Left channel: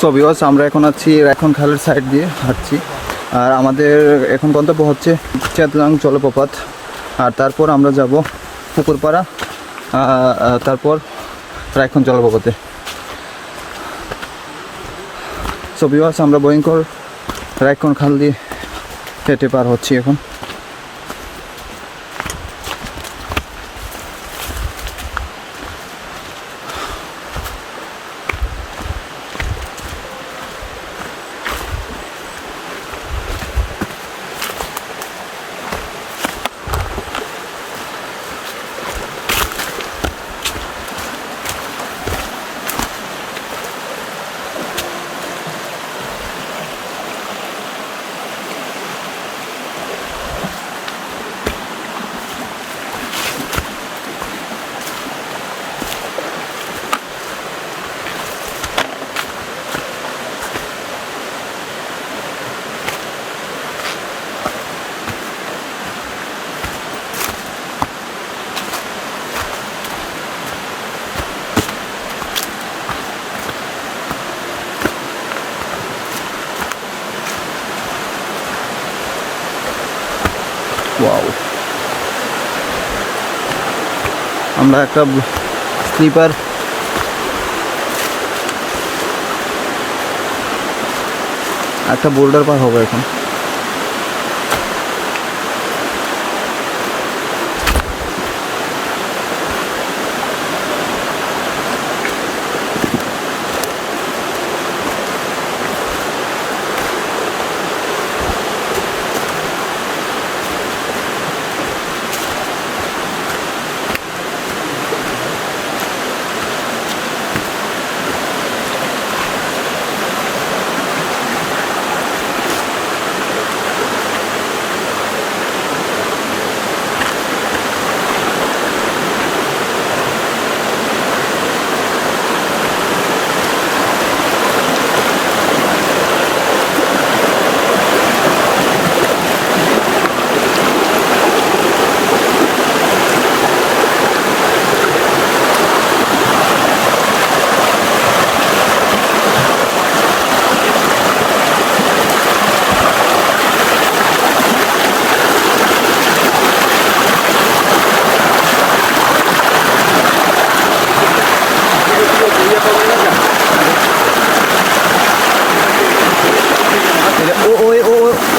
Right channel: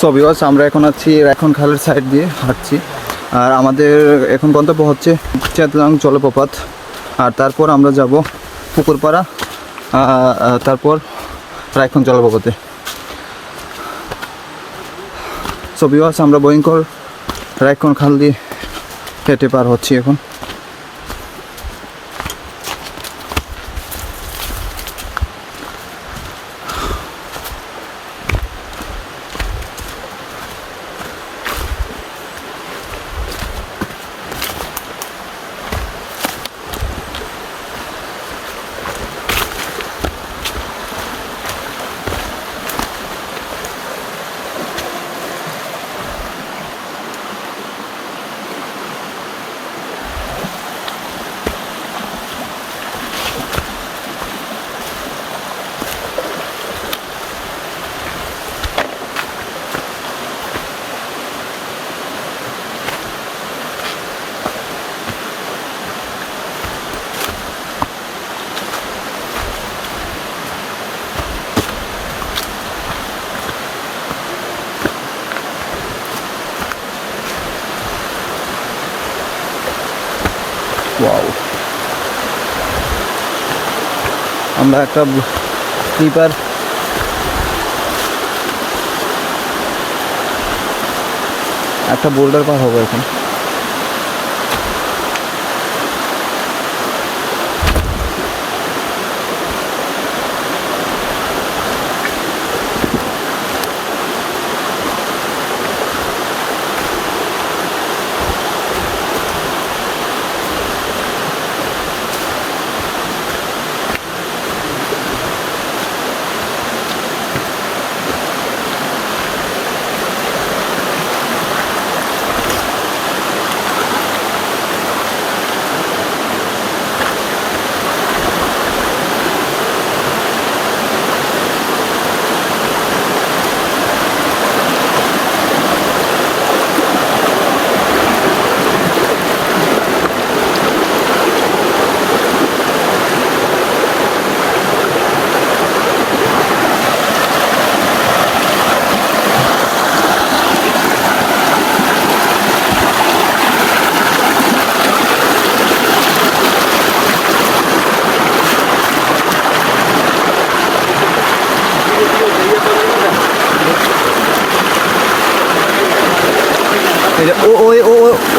So viewers, আমরা এখন আছি এখন খালের সাইড দিয়ে হাঁটছি। আর আমাদের এখন গন্তব্য হচ্ছে চেতলাং জলপ্রপাত। আর তারপর আমরা যাব পুকুরপাড়া, তারপর রায়খন জলপ্রপাতে। সো ভিউয়ার্স, আমরা ভয়ঙ্কর রায়খন খাল দিয়ে হেঁটে পার হচ্ছি এখন। ওয়াও, আমরা একটা স্লিপার বোল্ডার পার হবো এখন।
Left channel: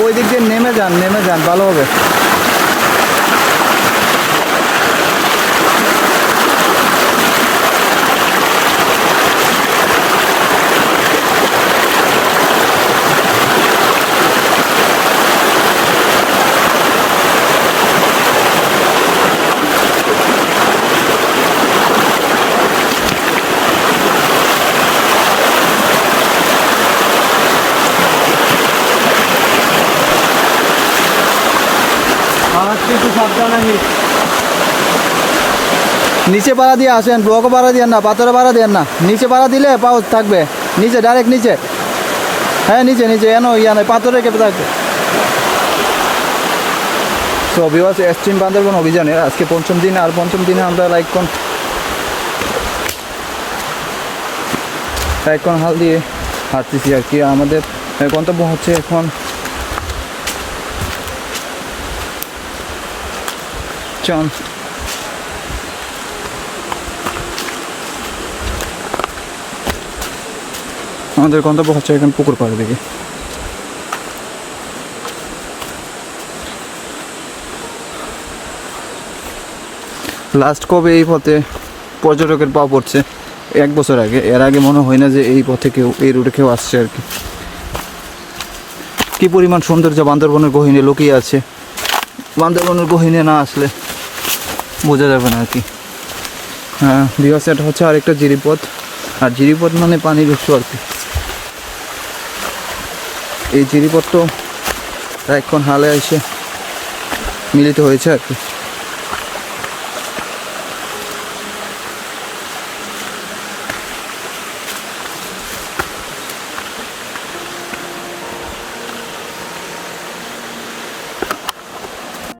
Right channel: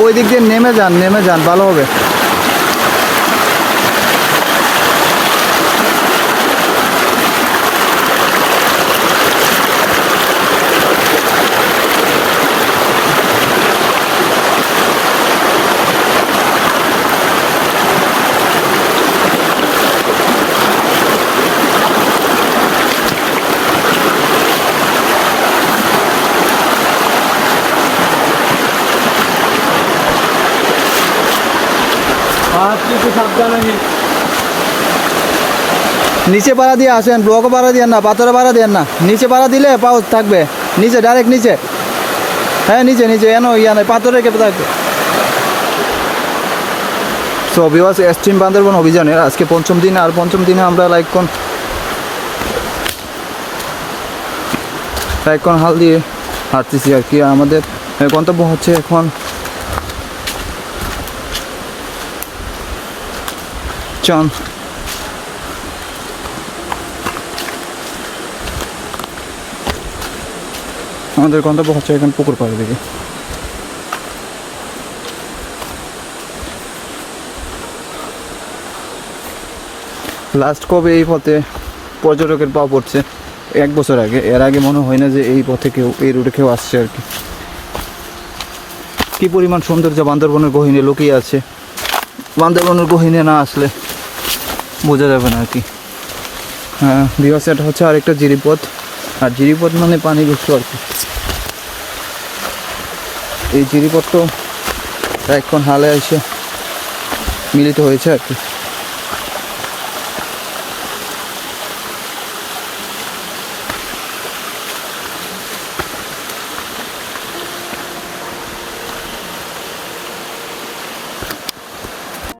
ওই দিক দিয়ে নেমে যান ভালো হবে। নিচে পাড়া দিয়ে আসেন, ব্লকও পাড়া দিয়ে না, পাথরে পাড়া দিয়ে না। নিচে পাড়া দিলে পাউচ থাকবে নিচে, ডাইরেক্ট নিচে। হ্যাঁ নিচে এনো নয়, পাথরে কেঁপে থাকবে। সো ভিউয়ার্স, এক্সট্রিম বান্দরবন অভিযানের আজকে পঞ্চম দিন। আর পঞ্চম দিনে আমরা রায়খন হাল দিয়ে হাঁটতেছি আর কি। আমাদের গন্তব্য হচ্ছে এখন এখন পুকুর পাড়ের দিকে। লাস্ট কবে এই পথে পর্যটকের পা পড়ছে? 1 বছর আগে। এর আগে মনে হয় না যে এই পথে এই রুটে কেউ আসছে আর কি। কি পরিমাণ সৌন্দর্য বান্দরবনের গহীনে লুকিয়ে আছে, বান্দরবনের গহীনে না আসলে বোঝা যাবে না আর কি। হ্যাঁ ভিউয়ার্স, এটা হচ্ছে আরেকটা জিরিপথ। আর জিরিপথ মানে পানি ঢুকতো আর কি। এই জিরিপথ তো এখন হালে এসে মিলিত হয়েছে আর কি।